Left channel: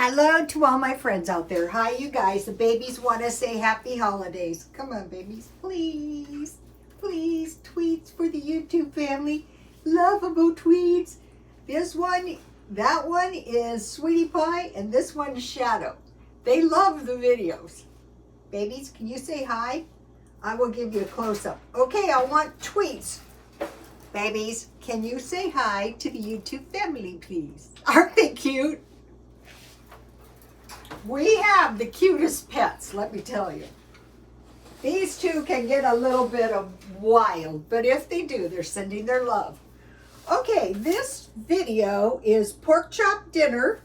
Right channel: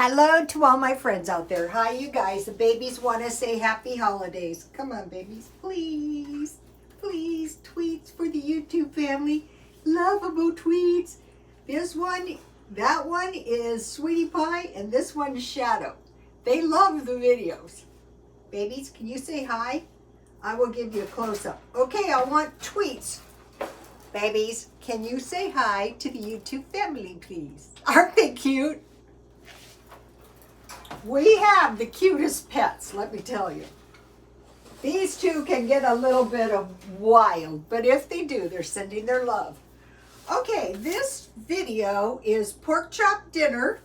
Hello to all my friends out there. Hi, you guys. The babies want to say happy holidays. Come on, babies. Please. Please. Tweets for the YouTube family. Lovable tweets. This one, that one is Sweetie Pie, and this one is Shadow. They love the videos. Babies, can you say hi? I will give you a close-up. Okay, I want tweets. Babies, can you say hi to the YouTube family, please? Aren't they cute? We have the cutest pets, let me tell you. These two can get a little bit of wild, but if they do, they're sending their love. Okay, this video is pork chop dinner.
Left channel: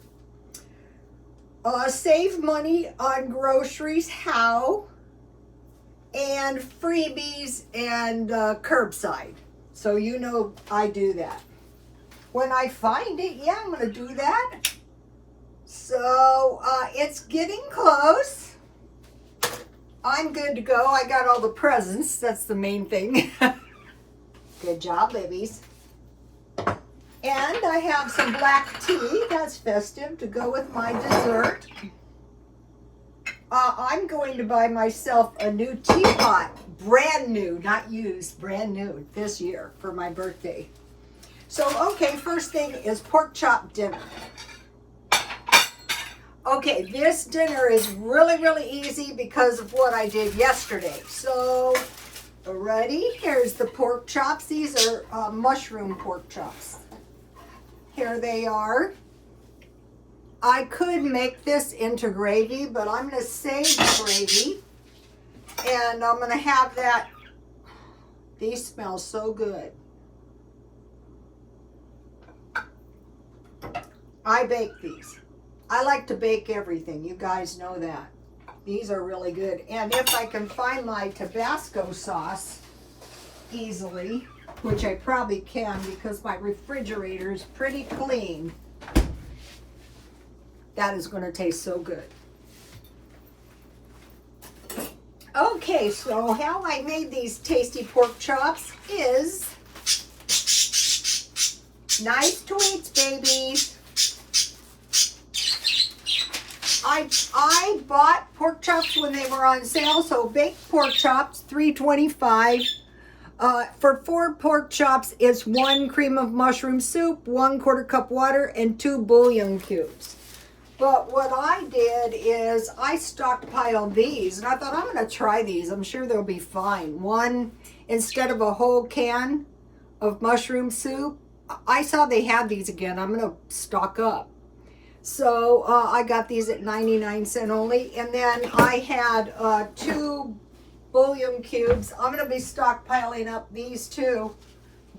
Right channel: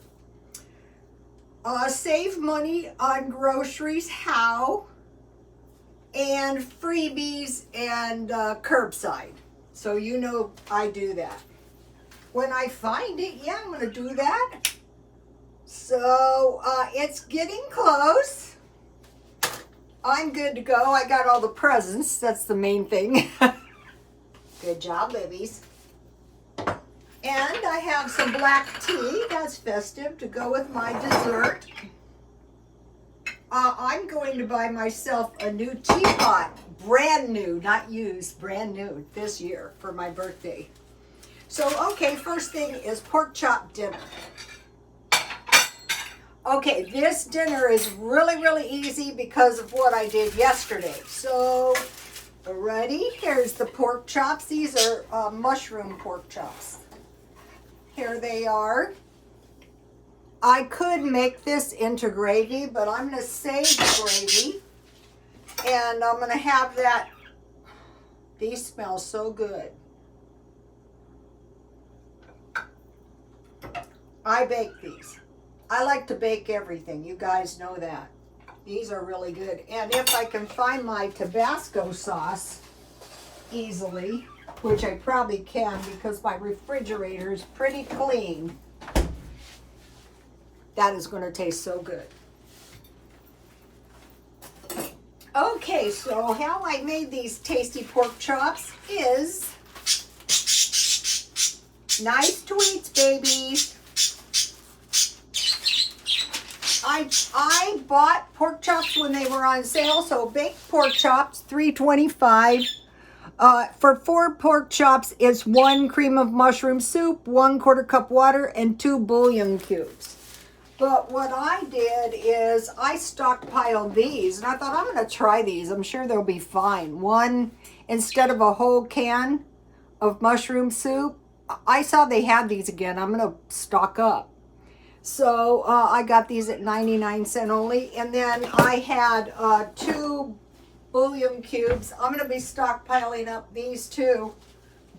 Save money on groceries, how, and freebies and curbside. So you know I do that. When I find it, yeah, I'm gonna do that. So it's getting close. I'm good to go. I got all the presents. That's the main thing. Good job, babies. And I have some black tea. That's festive to go with my dessert. I'm going to buy myself a new teapot. Brand new, not used. Brand new this year for my birthday. So, okay, first thing is pork chop dinner. Okay, this dinner is really, really easy because of what I did yesterday. So, ready? Here's the pork chops. These are mushroom pork chops. Here they are. I could make this into gravy, but I'm going to save the gravy. And I'm going to have that. These smell so good. I bake these. I like to bake everything. You guys know that. These are really good. And if I can find my Tabasco sauce easily, which I probably can because my refrigerator is pretty clean, that is going to taste so good. Okay, so how I made these tasty pork chops is nice tweets, babies. I bought pork chops when they were on sale, so baked pork chops, $3.25. For 4 pork chops, it's 1 cream of mushroom soup, 1/4 cup water, and 2 bouillon cubes. But what I did is I stockpiled these, and I thought I'm going to try these. I'm sure they'll be fine. One, instead of a whole can of mushroom soup, I saw they had these again. I'm going to stock up. So I got these at 99 cents only. And then I had 2 bouillon cubes. I'm going to be stockpiling up these 2.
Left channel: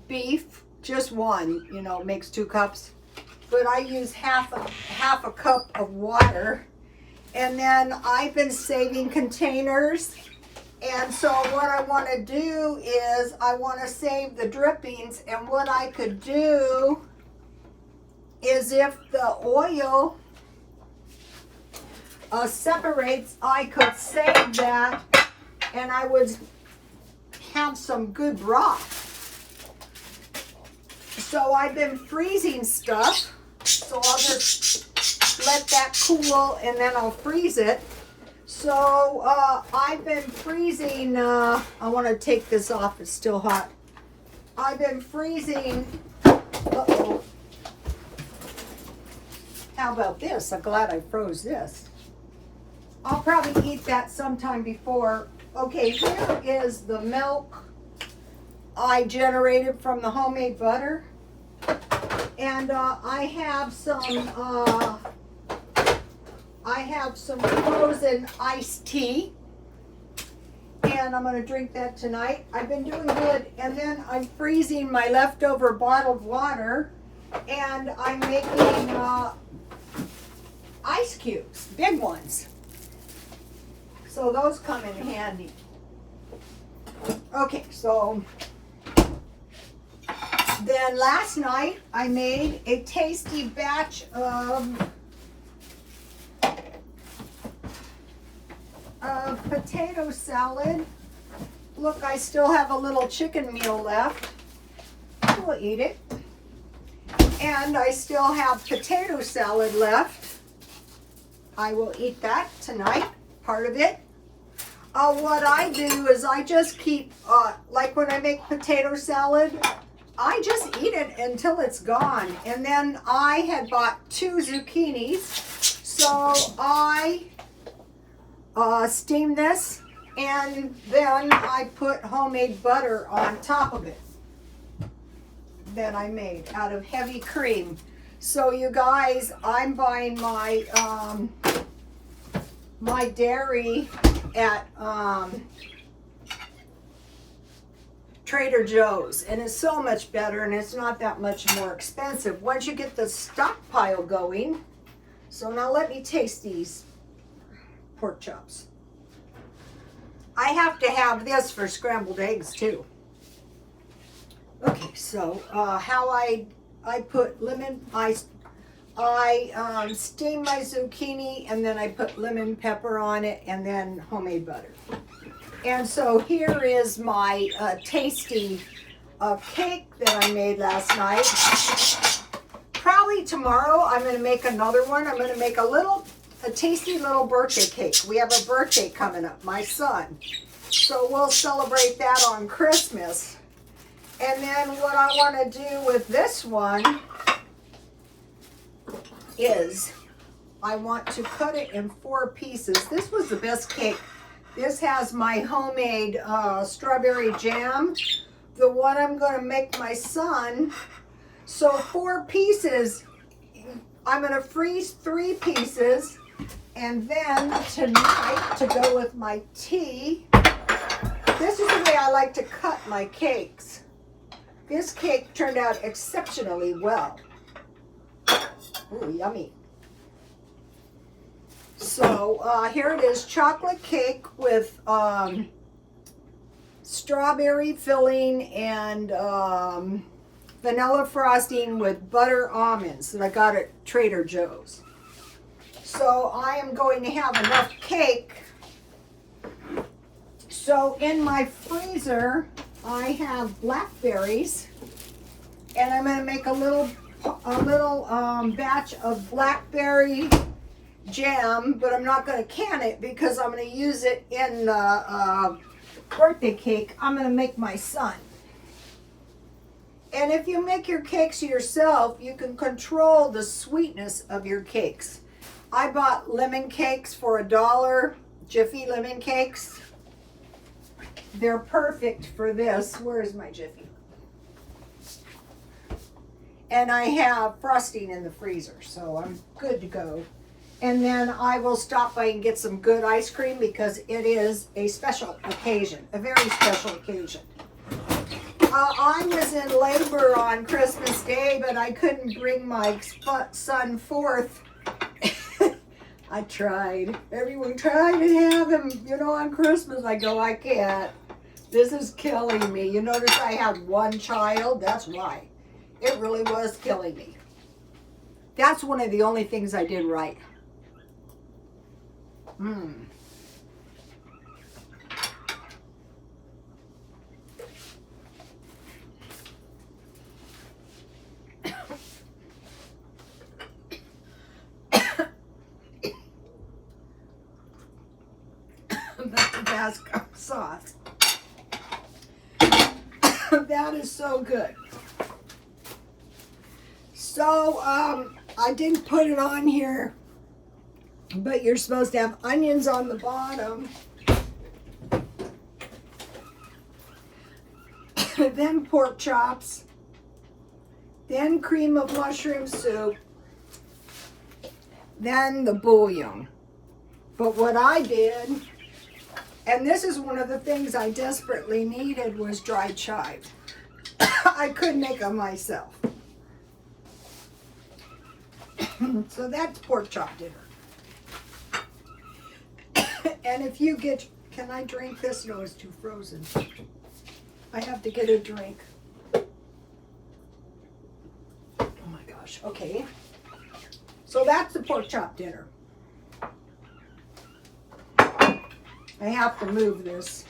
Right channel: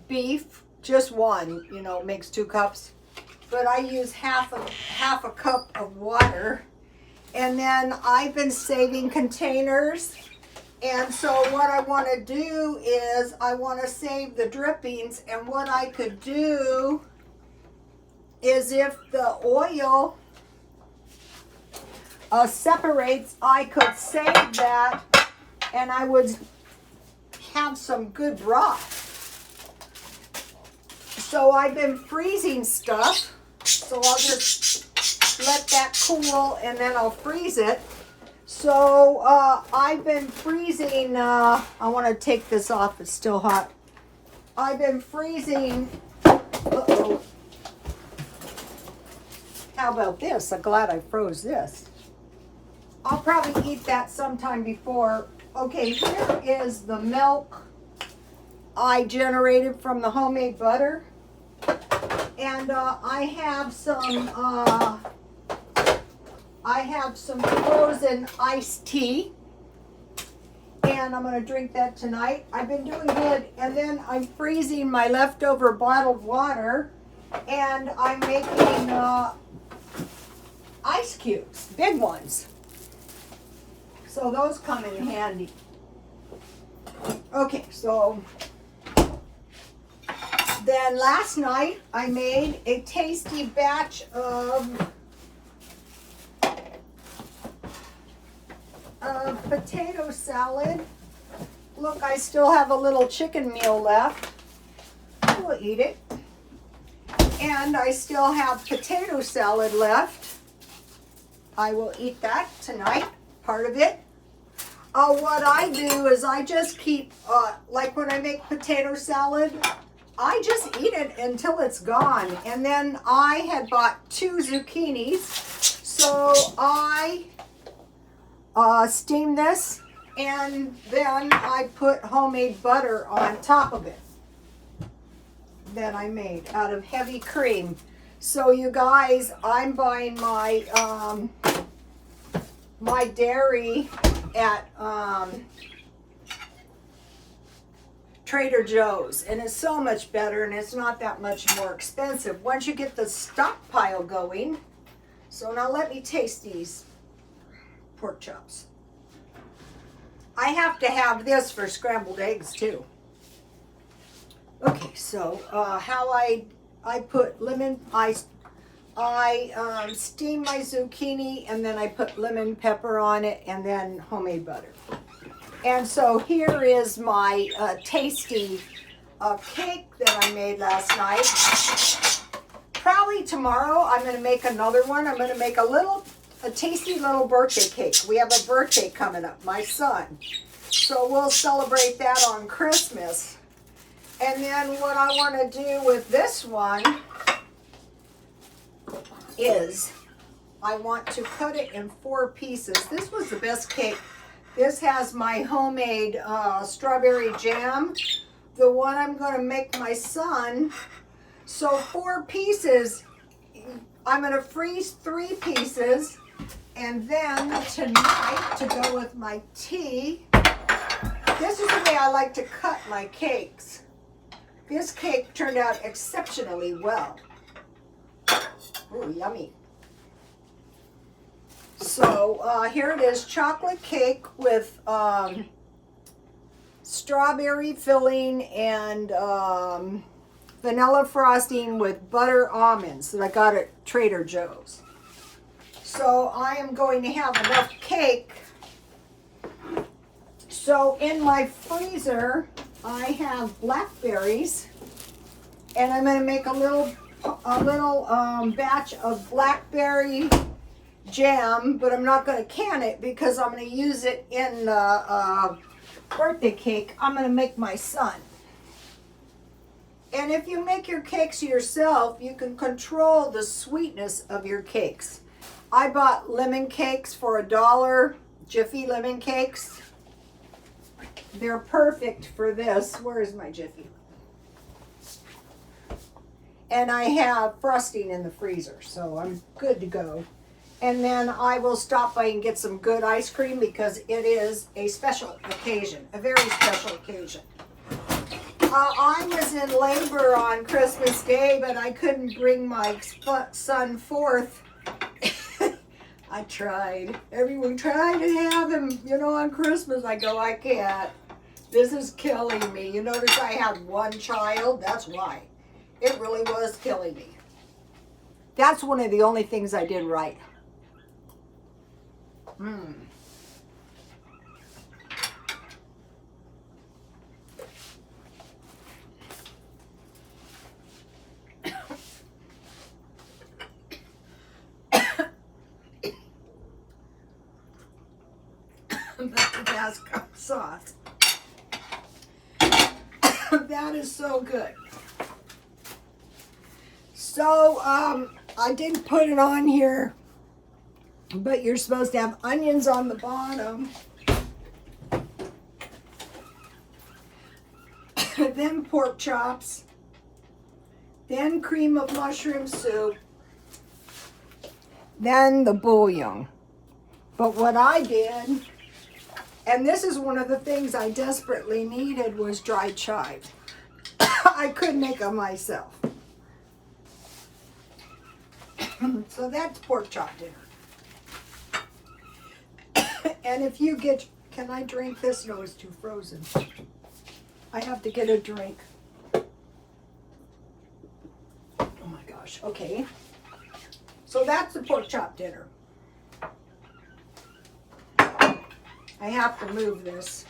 Beef, just one, you know, makes 2 cups. But I use half a cup of water. And then I've been saving containers. And so what I want to do is I want to save the drippings. And what I could do is if the oil separates, I could save that and I would have some good broth. So I've been freezing stuff, so I'll just let that cool and then I'll freeze it. So I've been freezing, I want to take this off, it's still hot. I've been freezing, uh-oh. How about this? I'm glad I froze this. I'll probably eat that sometime before. Okay, here is the milk I generated from the homemade butter. And I have some frozen iced tea. And I'm going to drink that tonight. I've been doing good. And then I'm freezing my leftover bottled water. And I'm making ice cubes, big ones. So those come in handy. Okay, so then last night I made a tasty batch of potato salad. Look, I still have a little chicken meal left. We'll eat it. And I still have potato salad left. I will eat that tonight, part of it. What I do is I just keep, like when I make potato salad, I just eat it until it's gone. And then I had bought 2 zucchinis, so I steam this, and then I put homemade butter on top of it that I made out of heavy cream. So you guys, I'm buying my my dairy at Trader Joe's, and it's so much better, and it's not that much more expensive once you get the stockpile going. So now let me taste these pork chops. I have to have this for scrambled eggs too. Okay, so how I put lemon, I steam my zucchini, and then I put lemon pepper on it, and then homemade butter. And so here is my tasty cake that I made last night. Probably tomorrow I'm going to make another one. I'm going to make a tasty little birthday cake. We have a birthday coming up, my son. So we'll celebrate that on Christmas. And then what I want to do with this one is I want to cut it in 4 pieces. This was the best cake. This has my homemade strawberry jam, the one I'm going to make my son. So 4 pieces, I'm going to freeze 3 pieces, and then tonight, to go with my tea, this is the way I like to cut my cakes. This cake turned out exceptionally well. Ooh, yummy. So here it is, chocolate cake with strawberry filling and vanilla frosting with butter almonds that I got at Trader Joe's. So I am going to have enough cake. So in my freezer, I have blackberries, and I'm going to make a little batch of blackberry jam, but I'm not going to can it because I'm going to use it in the birthday cake I'm going to make my son. And if you make your cakes yourself, you can control the sweetness of your cakes. I bought lemon cakes for $1, Jiffy lemon cakes. They're perfect for this. Where is my Jiffy? And I have frosting in the freezer, so I'm good to go. And then I will stop by and get some good ice cream because it is a special occasion, a very special occasion. I was in labor on Christmas Day, but I couldn't bring my son forth. I tried. Everyone tried to have him, on Christmas. I go, I can't. This is killing me. You notice I had 1 child? That's why. It really was killing me. That's one of the only things I did right. The Tabasco sauce. That is so good. So, I didn't put it on here, but you're supposed to have onions on the bottom. Then pork chops. Then cream of mushroom soup. Then the bouillon. But what I did, and this is one of the things I desperately needed, was dried chives. I couldn't make them myself. So that's pork chop dinner. And if you get, can I drink this? No, it's too frozen. I have to get a drink. Oh my gosh, okay. So that's the pork chop dinner. I have to move this.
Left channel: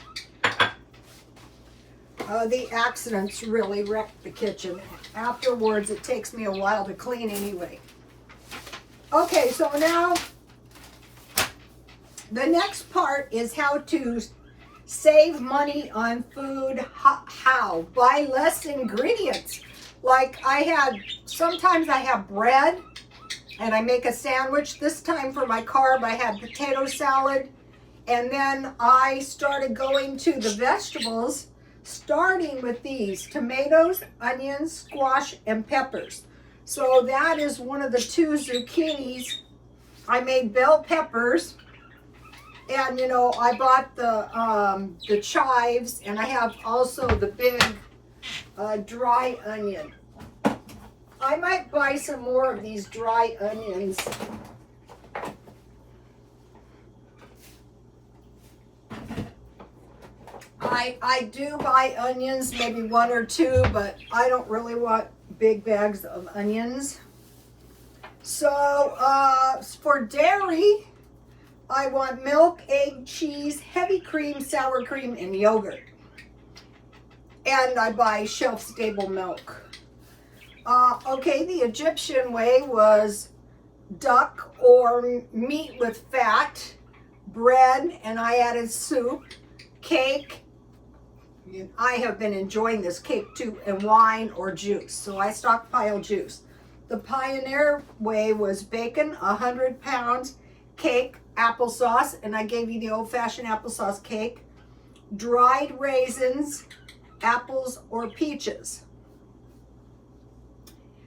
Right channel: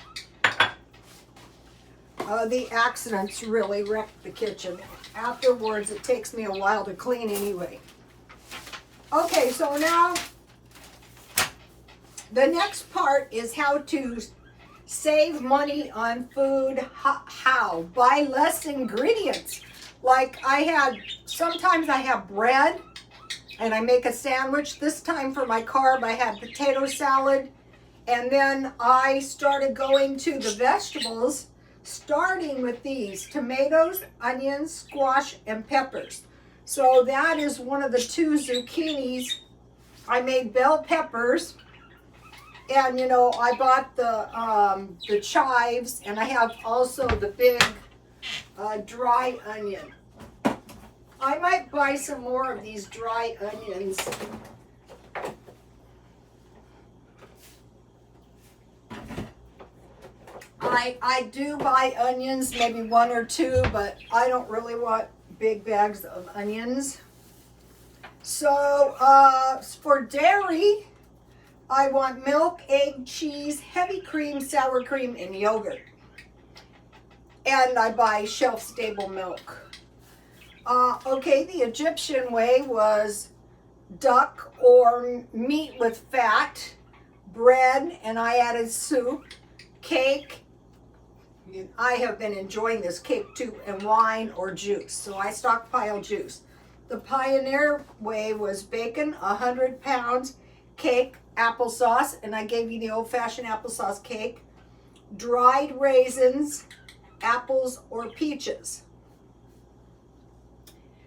The accidents really wrecked the kitchen. Afterwards, it takes me a while to clean anyway. Okay, so now The next part is how to save money on food. How? Buy less ingredients. Like sometimes I have bread and I make a sandwich. This time for my carb, I had potato salad. And then I started going to the vegetables, starting with these tomatoes, onions, squash, and peppers. So that is one of the 2 zucchinis. I made bell peppers, and you know, I bought the chives, and I have also the big dry onion. I might buy some more of these dry onions. I do buy onions, maybe 1 or 2, but I don't really want big bags of onions. So for dairy, I want milk, egg, cheese, heavy cream, sour cream, and yogurt. And I buy shelf-stable milk. Okay, the Egyptian way was duck or meat with fat, bread, and I added soup, cake. I have been enjoying this cake too, and wine or juice. So I stockpile juice. The Pioneer way was bacon, 100 pounds, cake, applesauce, and I gave you the old-fashioned applesauce cake, dried raisins, apples or peaches.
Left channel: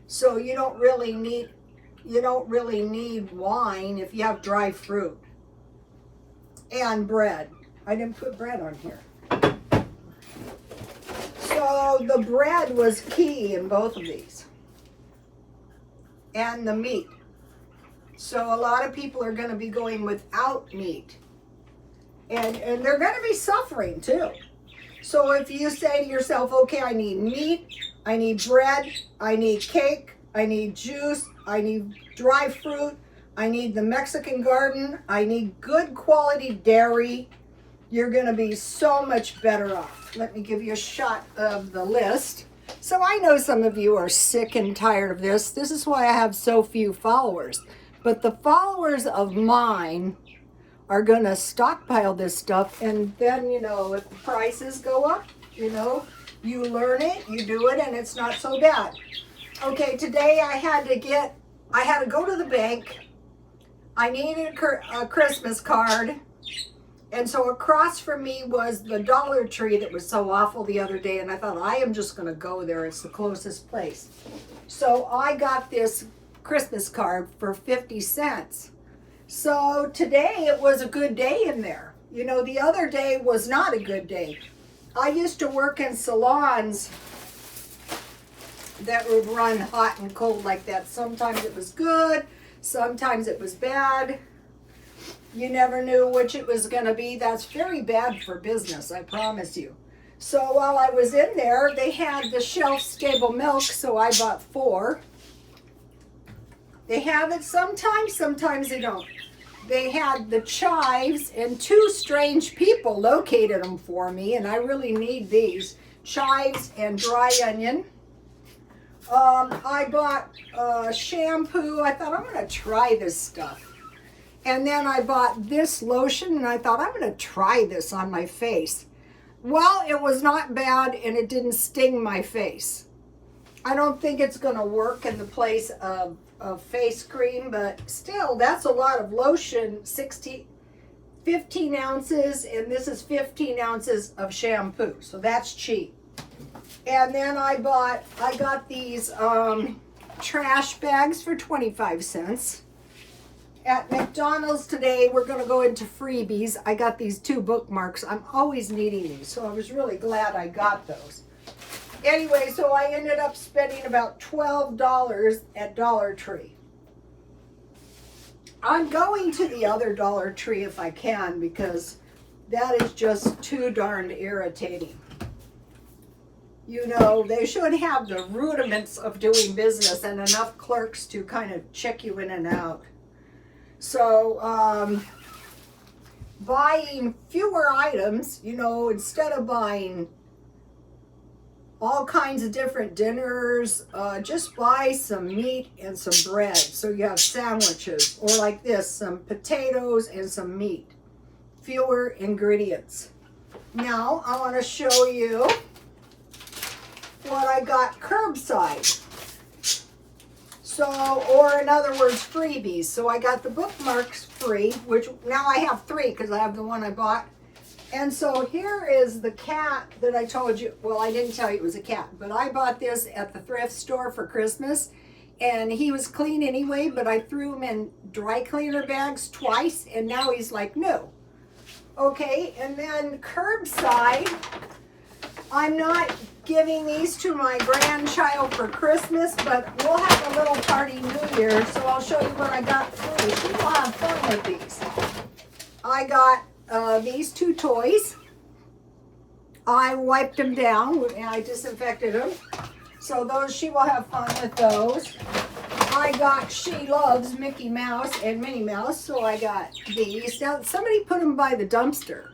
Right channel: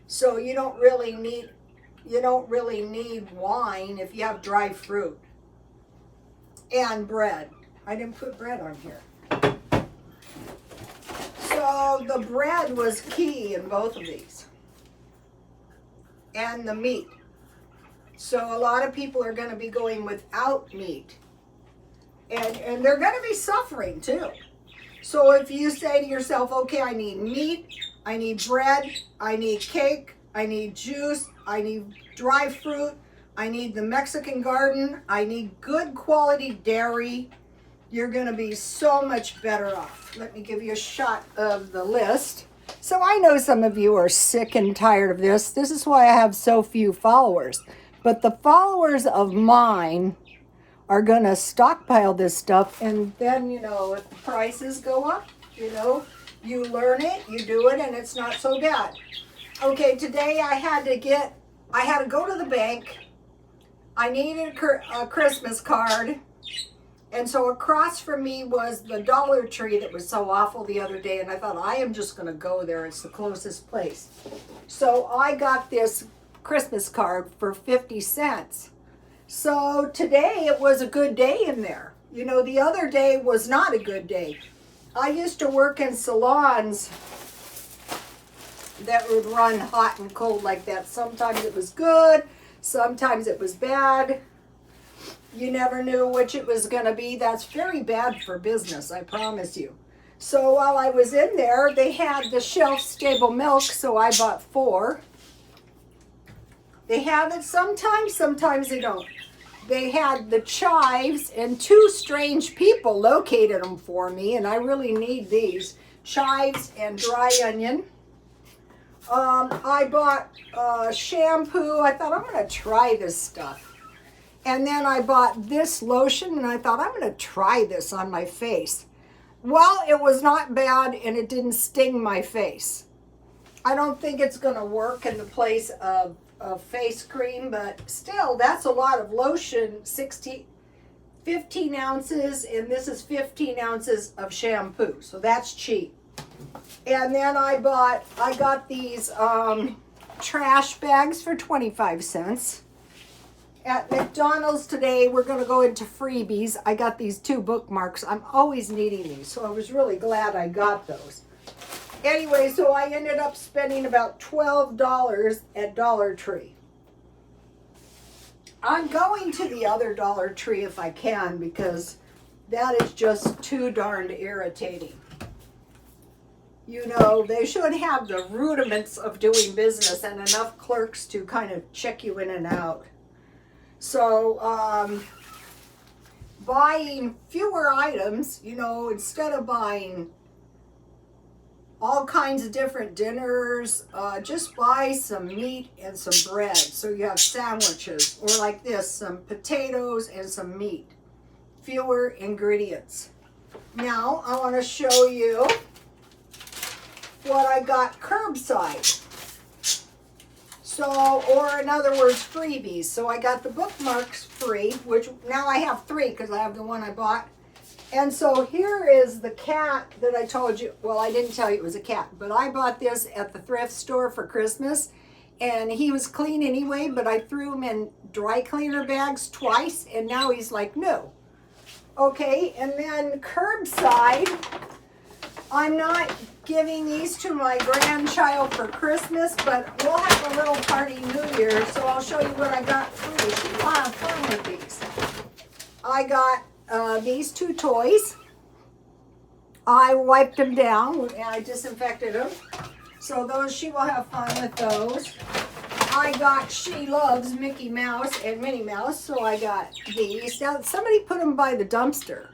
So you don't really need wine if you have dry fruit. And bread. I didn't put bread on here. So the bread was key in both of these. And the meat. So a lot of people are going to be going without meat. And they're going to be suffering too. So if you say to yourself, okay, I need meat, I need bread, I need cake, I need juice, I need dry fruit, I need the Mexican garden, I need good quality dairy, you're going to be so much better off. Let me give you a shot of the list. So I know some of you are sick and tired of this. This is why I have so few followers. But the followers of mine are going to stockpile this stuff. And then, you know, if the prices go up, you know, you learn it, you do it, and it's not so bad. Okay, today I had to go to the bank. I needed a Christmas card. And so across from me was the Dollar Tree that was so awful the other day. And I thought, I am just going to go there. It's the closest place. So I got this Christmas card for 50 cents. So today it was a good day in there. You know, the other day was not a good day. I used to work in salons that would run hot and cold like that. Sometimes it was good. Sometimes it was bad. You never knew which it was going to be. That's very bad for business, I promise you. So while I was in there, they had the shelf-stable milk, so I bought 4. They have it sometimes, sometimes they don't. They had the chives, and 2 strange people located them for me, and I really need these. Chives and dry onion. I bought shampoo. I thought, I'm going to try this stuff. And then I bought this lotion, and I thought, I'm going to try this on my face. Well, it was not bad, and it didn't sting my face. I don't think it's going to work in the place of face cream, but still, that's a lot of lotion. 15 ounces, and this is 15 ounces of shampoo, so that's cheap. And then I got these trash bags for 25 cents. At McDonald's today, we're going to go into Freebies. I got these 2 bookmarks. I'm always needing these, so I was really glad I got those. Anyway, so I ended up spending about $12 at Dollar Tree. I'm going to the other Dollar Tree if I can, because that is just too darned irritating. You know, they should have the rudiments of doing business and enough clerks to kind of check you in and out. So, buying fewer items, you know, instead of buying all kinds of different dinners, just buy some meat and some bread. So you have sandwiches, or like this, some potatoes and some meat. fewer ingredients. Now I want to show you what I got curbside. So, or in other words, freebies. So I got the bookmarks free, which now I have 3 because I have the one I bought. And so here is the cat that I told you. Well, I didn't tell you it was a cat, but I bought this at the thrift store for Christmas. And he was clean anyway, but I threw him in dry cleaner bags twice, and now he's like new. Okay, and then curbside. I'm not giving these to my grandchild for Christmas, but we'll have a little party New Year, so I'll show you what I got for you. She will have fun with these. I got these 2 toys. I wiped them down and I disinfected them. So those, she will have fun with those. I got, she loves Mickey Mouse and Minnie Mouse, so I got these. Now, somebody put them by the dumpster.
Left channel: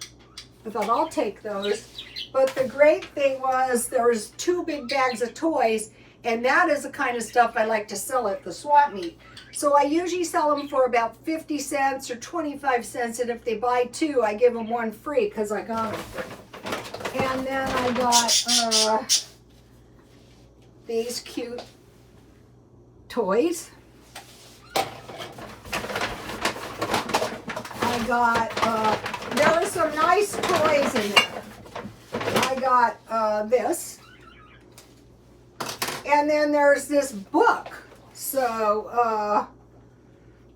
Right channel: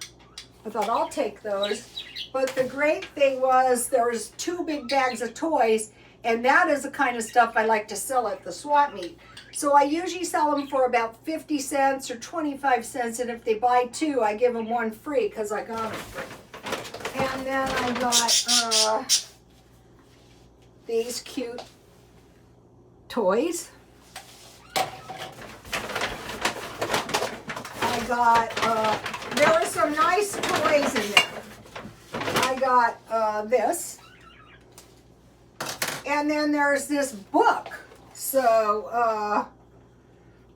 I thought, I'll take those. But the great thing was there was 2 big bags of toys, and that is the kind of stuff I like to sell at the swap meet. So I usually sell them for about 50 cents or 25 cents, and if they buy 2, I give them 1 free because I got them free. And then I got these cute toys. I got, there were some nice toys in there. I got this. And then there's this book. So,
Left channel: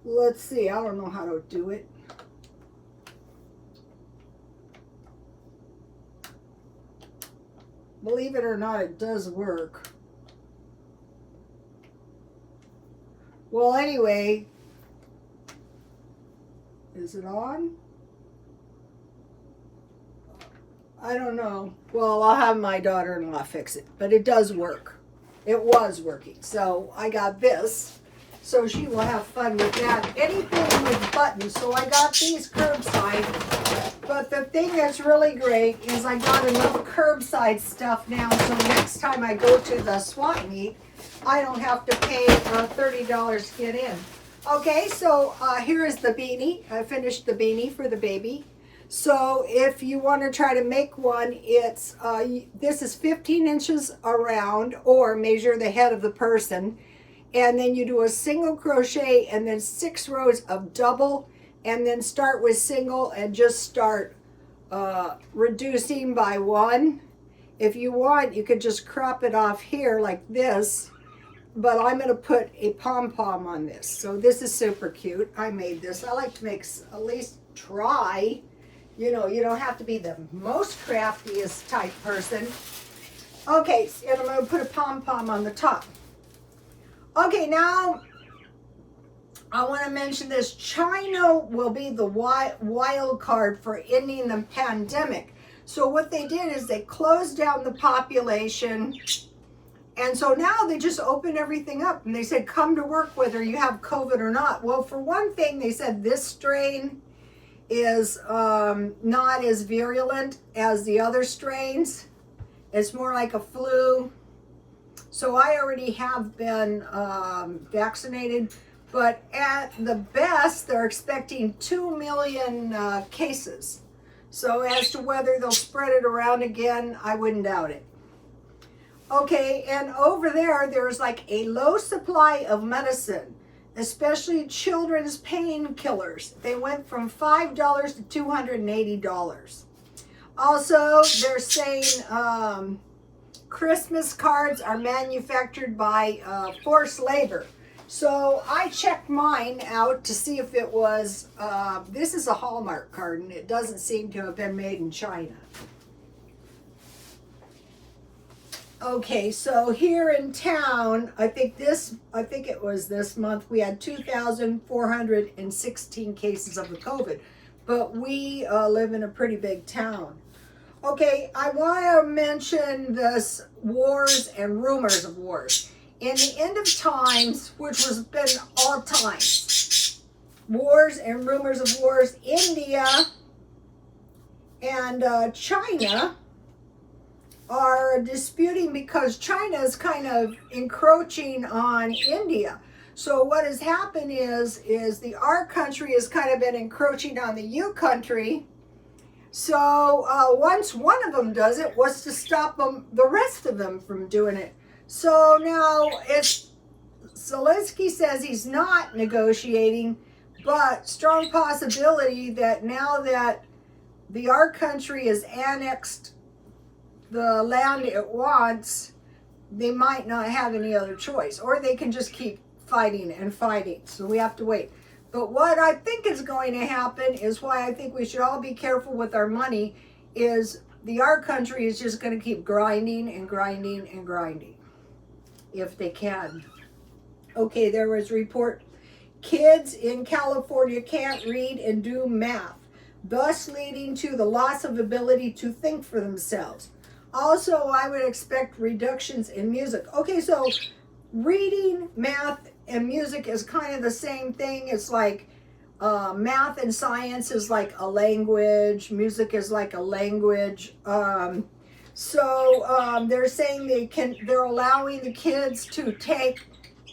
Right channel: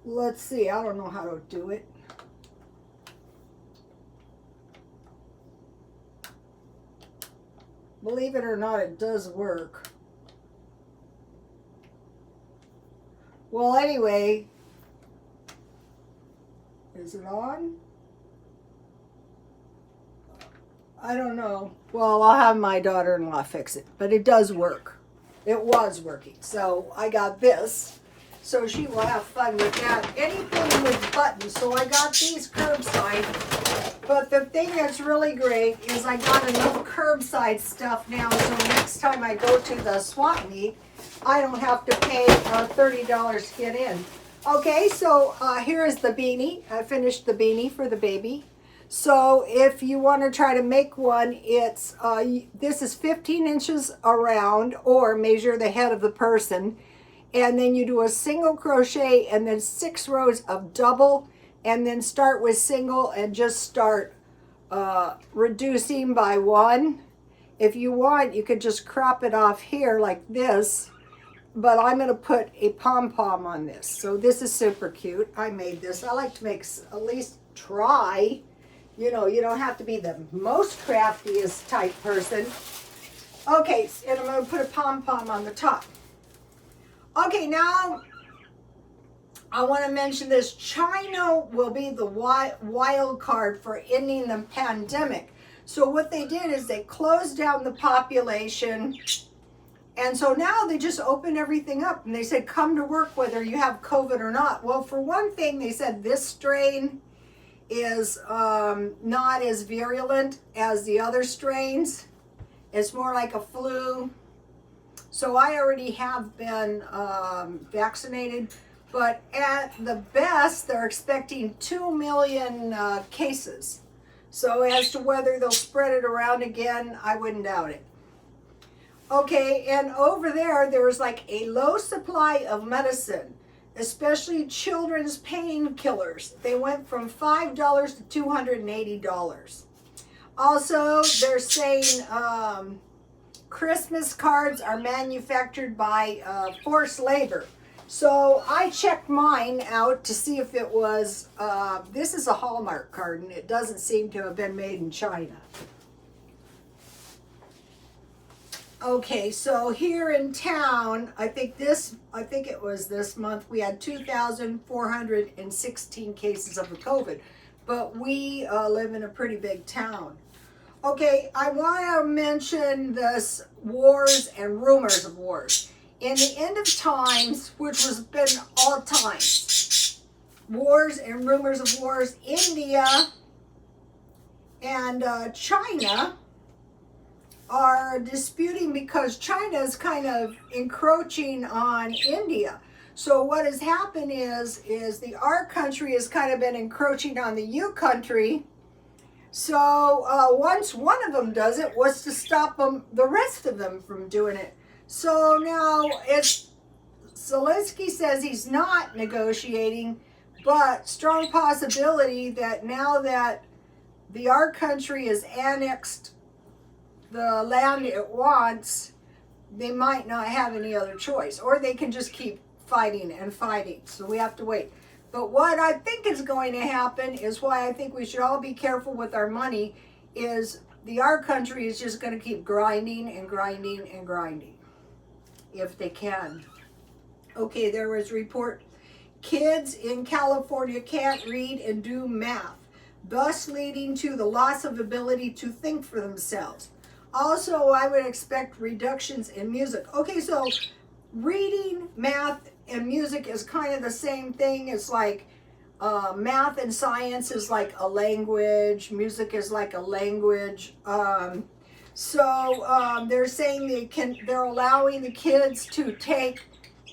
let's see. I don't know how to do it. Believe it or not, it does work. Well, anyway, is it on? I don't know. Well, I'll have my daughter-in-law fix it, but it does work. It was working. So I got this, so she will have fun with that. Anything with buttons. So I got these curbside, but the thing that's really great is I got enough curbside stuff now, so next time I go to the swap meet, I don't have to pay $30 to get in. Okay, so here is the beanie. I finished the beanie for the baby. So if you want to try to make one, it's this is 15 inches around, or measure the head of the person, and then you do a single crochet and then 6 rows of double, and then start with single and just start reducing by 1. If you want, you could just crop it off here like this, but I'm going to put a pom-pom on this. So this is super cute. I made this. I like to make, at least try. You know, you don't have to be the most craftiest type person. Okay, and I'm going to put a pom-pom on the top. Okay, now I want to mention this. China will be the wild card for ending the pandemic. So what they did is they closed down the population, and so now they just open everything up, and they said come to work whether you have COVID or not. Well, for one thing, they said this strain is not as virulent as the other strains. It's more like a flu. So I already have been vaccinated, but at the best, they're expecting 2 million cases. So as to whether they'll spread it around again, I wouldn't doubt it. Okay, and over there, there's like a low supply of medicine, especially children's painkillers. They went from $5 to $280. Also, they're saying Christmas cards are manufactured by forced labor. So I checked mine out to see if it was, this is a Hallmark card, and it doesn't seem to have been made in China. Okay, so here in town, I think it was this month, we had 2,416 cases of the COVID, but we live in a pretty big town. Okay, I want to mention this wars and rumors of wars. In the end of times, which has been all times, wars and rumors of wars, India and China are disputing because China is kind of encroaching on India. So what has happened is our country has kind of been encroaching on the U country, So once one of them does it, what's to stop the rest of them from doing it? So now Zelensky says he's not negotiating, but strong possibility that now that our country has annexed the land it wants, they might not have any other choice, or they can just keep fighting and fighting. So we have to wait. But what I think is going to happen is why I think we should all be careful with our money is our country is just going to keep grinding and grinding and grinding if they can. Okay, there was a report. Kids in California can't read and do math, thus leading to the loss of ability to think for themselves. Also, I would expect reductions in music. Okay, so reading, math, and music is kind of the same thing. It's like math and science is like a language. Music is like a language. They're saying they're allowing the kids to take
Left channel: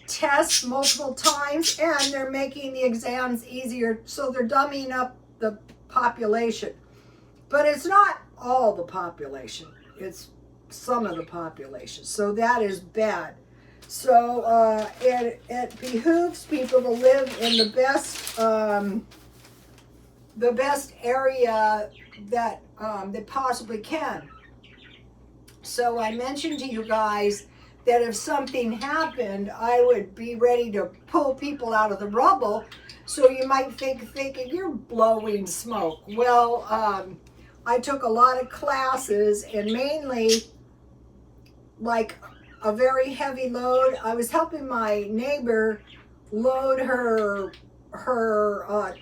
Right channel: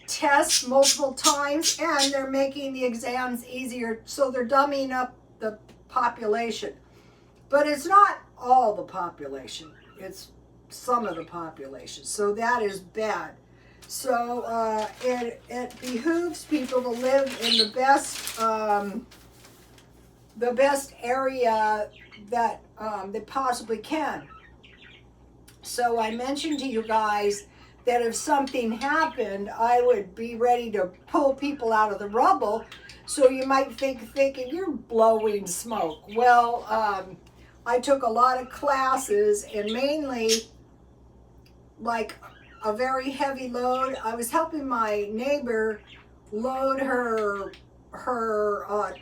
tests multiple times, and they're making the exams easier. So they're dumbing up the population. But it's not all the population. It's some of the population. So that is bad. So it behooves people to live in the best area that they possibly can. So I mentioned to you guys that if something happened, I would be ready to pull people out of the rubble. So you might thinking you're blowing smoke. Well, I took a lot of classes, and mainly like a very heavy load. I was helping my neighbor load her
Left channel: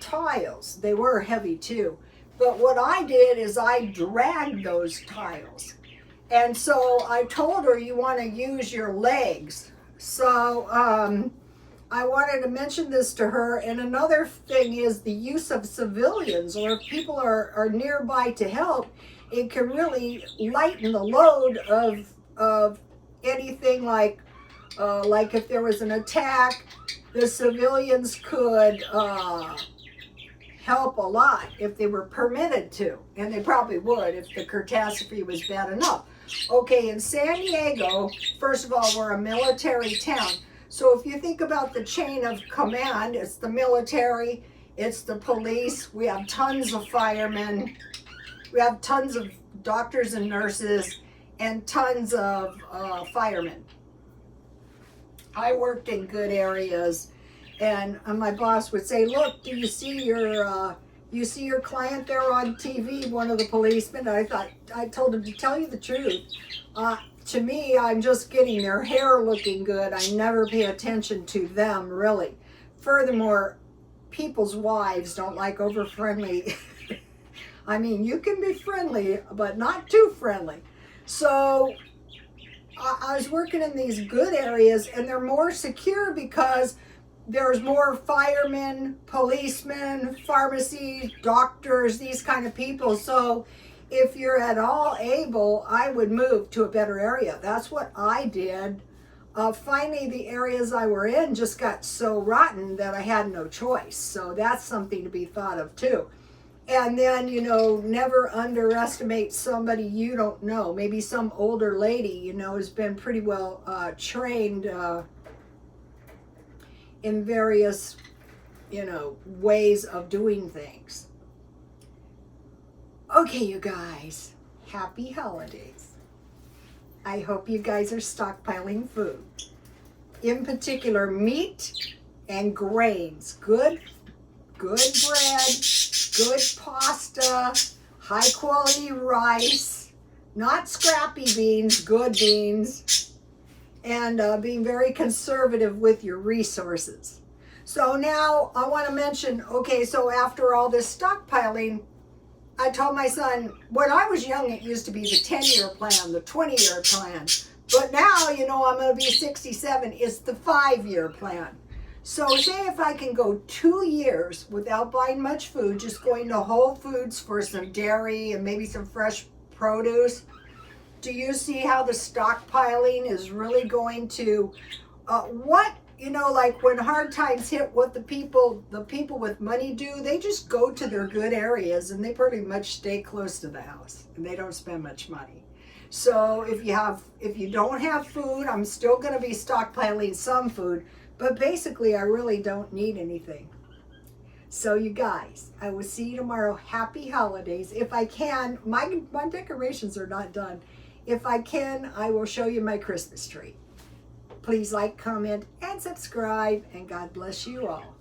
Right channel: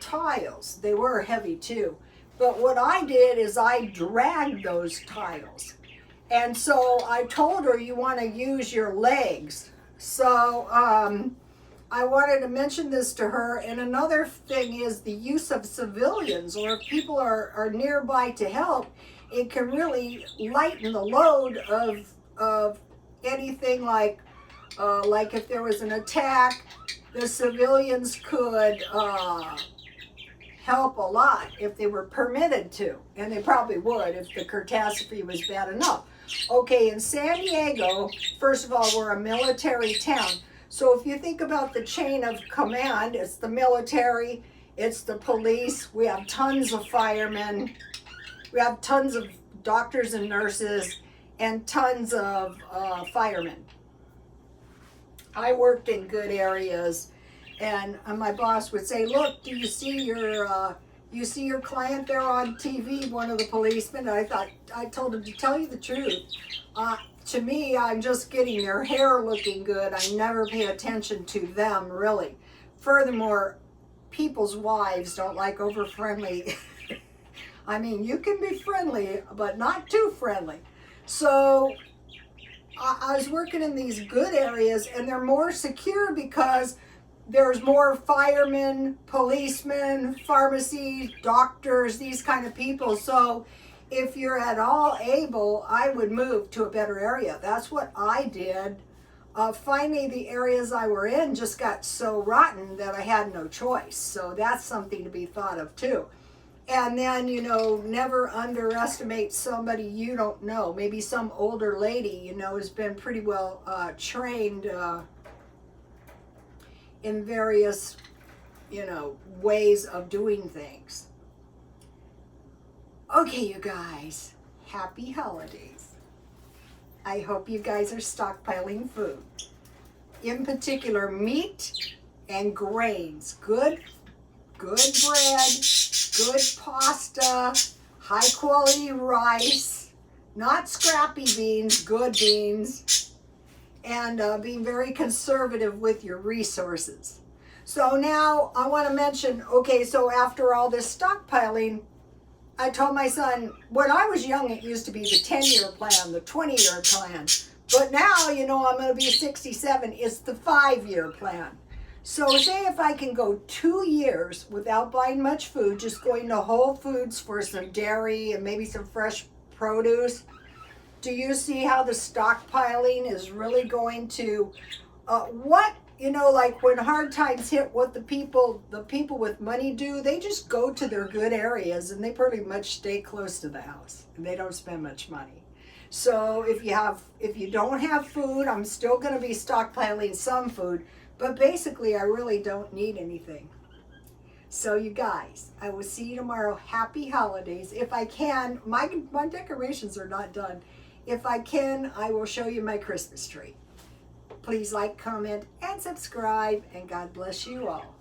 tiles. They were heavy too. But what I did is I dragged those tiles. And so I told her you want to use your legs. So I wanted to mention this to her. And another thing is the use of civilians, or if people are nearby to help, it can really lighten the load of anything like if there was an attack, the civilians could help a lot if they were permitted to, and they probably would if the catastrophe was bad enough. Okay, in San Diego, first of all, we're a military town. So if you think about the chain of command, it's the military, it's the police, we have tons of firemen, we have tons of doctors and nurses, and tons of firemen. I worked in good areas, and my boss would say, "Look, do you see your client there on TV?" One of the policemen. And I told him, to tell you the truth, to me, I'm just getting their hair looking good. I never pay attention to them really. Furthermore, people's wives don't like over friendly. I mean, you can be friendly, but not too friendly. So I was working in these good areas, and they're more secure because there's more firemen, policemen, pharmacy, doctors, these kind of people. So if you're at all able, I would move to a better area. That's what I did. Finally, the areas I were in just got so rotten that I had no choice. So that's something to be thought of too. And then, never underestimate somebody you don't know. Maybe some older lady, has been pretty well trained in various, ways of doing things. Okay, you guys, happy holidays. I hope you guys are stockpiling food. In particular, meat and grains. Good bread, good pasta, high quality rice, not scrappy beans, good beans, and being very conservative with your resources. So now I want to mention, okay, so after all this stockpiling, I told my son, when I was young, it used to be the 10-year plan, the 20-year plan. But now, I'm going to be 67, it's the 5-year plan. So say if I can go 2 years without buying much food, just going to Whole Foods for some dairy and maybe some fresh produce, do you see how the stockpiling is really going to, what you know, like when hard times hit, what the people with money do, they just go to their good areas and they pretty much stay close to the house and they don't spend much money. So if you don't have food, I'm still going to be stockpiling some food, but basically I really don't need anything. So you guys, I will see you tomorrow. Happy holidays. If I can, my decorations are not done. If I can, I will show you my Christmas tree. Please like, comment, and subscribe, and God bless you all.